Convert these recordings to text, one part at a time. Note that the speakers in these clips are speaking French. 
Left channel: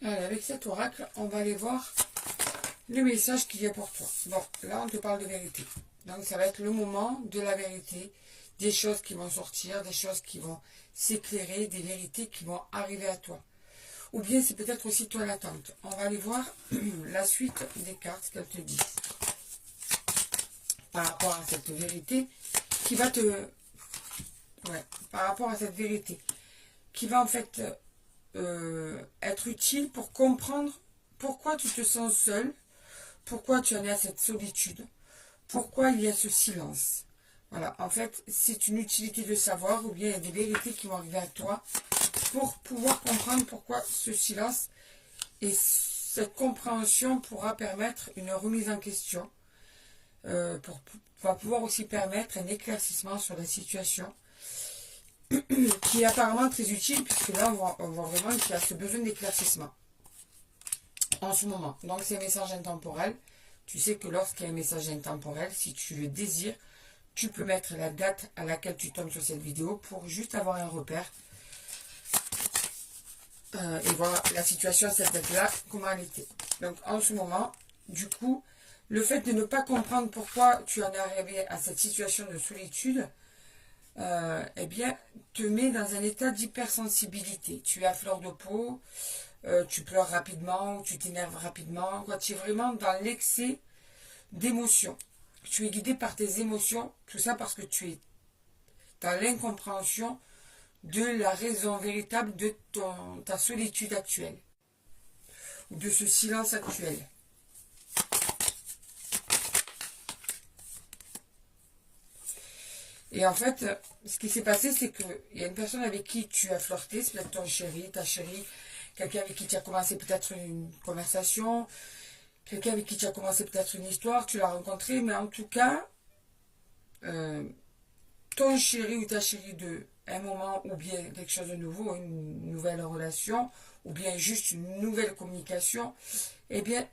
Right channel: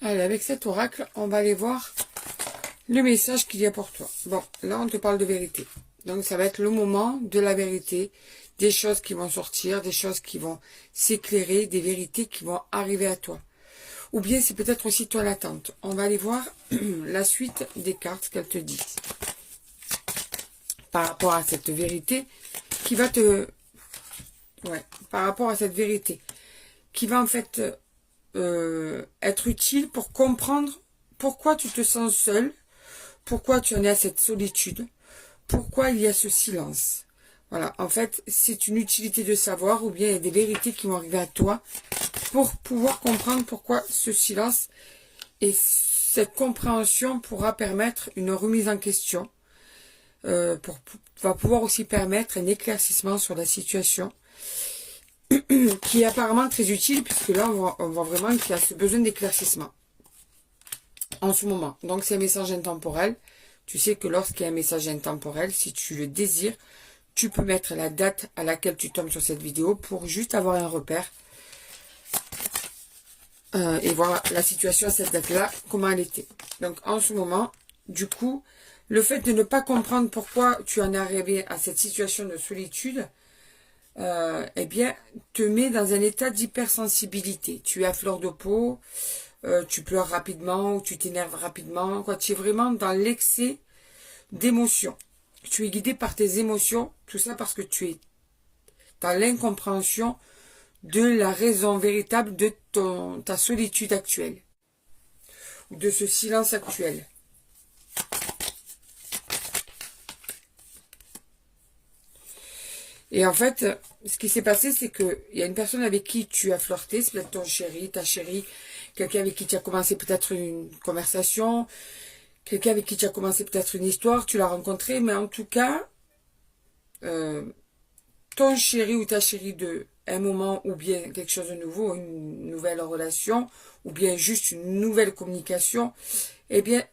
Allez, avec cet oracle, on va aller voir le message qu'il y a pour toi. Bon, là, on te parle de vérité. Donc, ça va être le moment de la vérité, des choses qui vont sortir, des choses qui vont s'éclairer, des vérités qui vont arriver à toi. Ou bien, c'est peut-être aussi toi l'attente. On va aller voir la suite des cartes qu'elles te disent. Par rapport à cette vérité qui va te... Ouais, par rapport à cette vérité qui va en fait être utile pour comprendre pourquoi tu te sens seul, pourquoi tu en es à cette solitude, pourquoi il y a ce silence. Voilà, en fait, c'est une utilité de savoir ou bien il y a des vérités qui vont arriver à toi pour pouvoir comprendre pourquoi ce silence, et cette compréhension pourra permettre une remise en question, va pouvoir aussi permettre un éclaircissement sur la situation qui est apparemment très utile puisque là on voit vraiment qu'il y a ce besoin d'éclaircissement en ce moment. Donc c'est un message intemporel. Tu sais que lorsqu'il y a un message intemporel, si tu le désires, tu peux mettre la date à laquelle tu tombes sur cette vidéo pour juste avoir un repère et voir la situation à cette date-là, comment elle était. Donc en ce moment, du coup, le fait de ne pas comprendre pourquoi tu en es arrivé à cette situation de solitude, eh bien, te met dans un état d'hypersensibilité. Tu es à fleur de peau, tu pleures rapidement ou tu t'énerves rapidement. Quoi. Tu es vraiment dans l'excès d'émotions. Tu es guidé par tes émotions, tout ça parce que tu es dans l'incompréhension de la raison véritable de ta solitude actuelle, ou de ce silence actuel. Et en fait, ce qui s'est passé, c'est qu'il y a une personne avec qui tu as flirté, c'est peut-être ton chéri, ta chérie, quelqu'un avec qui tu as commencé peut-être une conversation, quelqu'un avec qui tu as commencé peut-être une histoire, tu l'as rencontré, mais en tout cas, ton chéri ou ta chérie de un moment, ou bien quelque chose de nouveau, une nouvelle relation, ou bien juste une nouvelle communication, eh bien,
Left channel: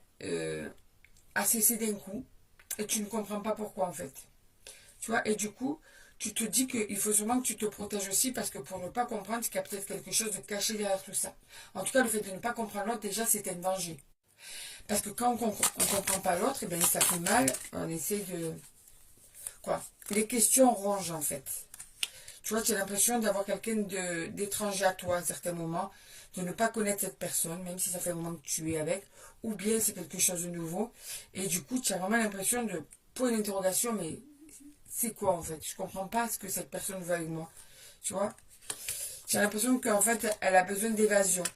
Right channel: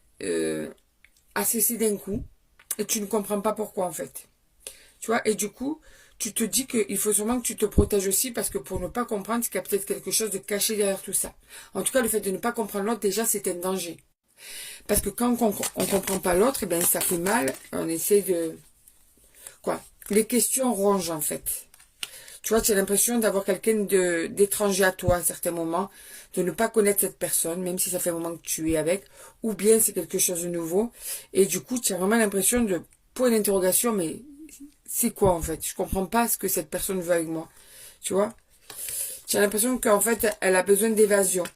a cessé d'un coup, et tu ne comprends pas pourquoi en fait. Tu vois, et du coup, tu te dis qu'il faut sûrement que tu te protèges aussi parce que pour ne pas comprendre, c'est qu'il y a peut-être quelque chose de caché derrière tout ça. En tout cas, le fait de ne pas comprendre l'autre, déjà, c'est un danger. Parce que quand on ne comprend pas l'autre, eh bien, ça fait mal. On essaie de... Quoi? Les questions rongent, en fait. Tu vois, tu as l'impression d'avoir quelqu'un d'étranger à toi à certains moments, de ne pas connaître cette personne, même si ça fait un moment que tu es avec, ou bien c'est quelque chose de nouveau. Et du coup, tu as vraiment l'impression de point d'interrogation, mais c'est quoi en fait? Je comprends pas ce que cette personne veut avec moi. Tu vois? Tu as l'impression qu'en fait, elle a besoin d'évasion.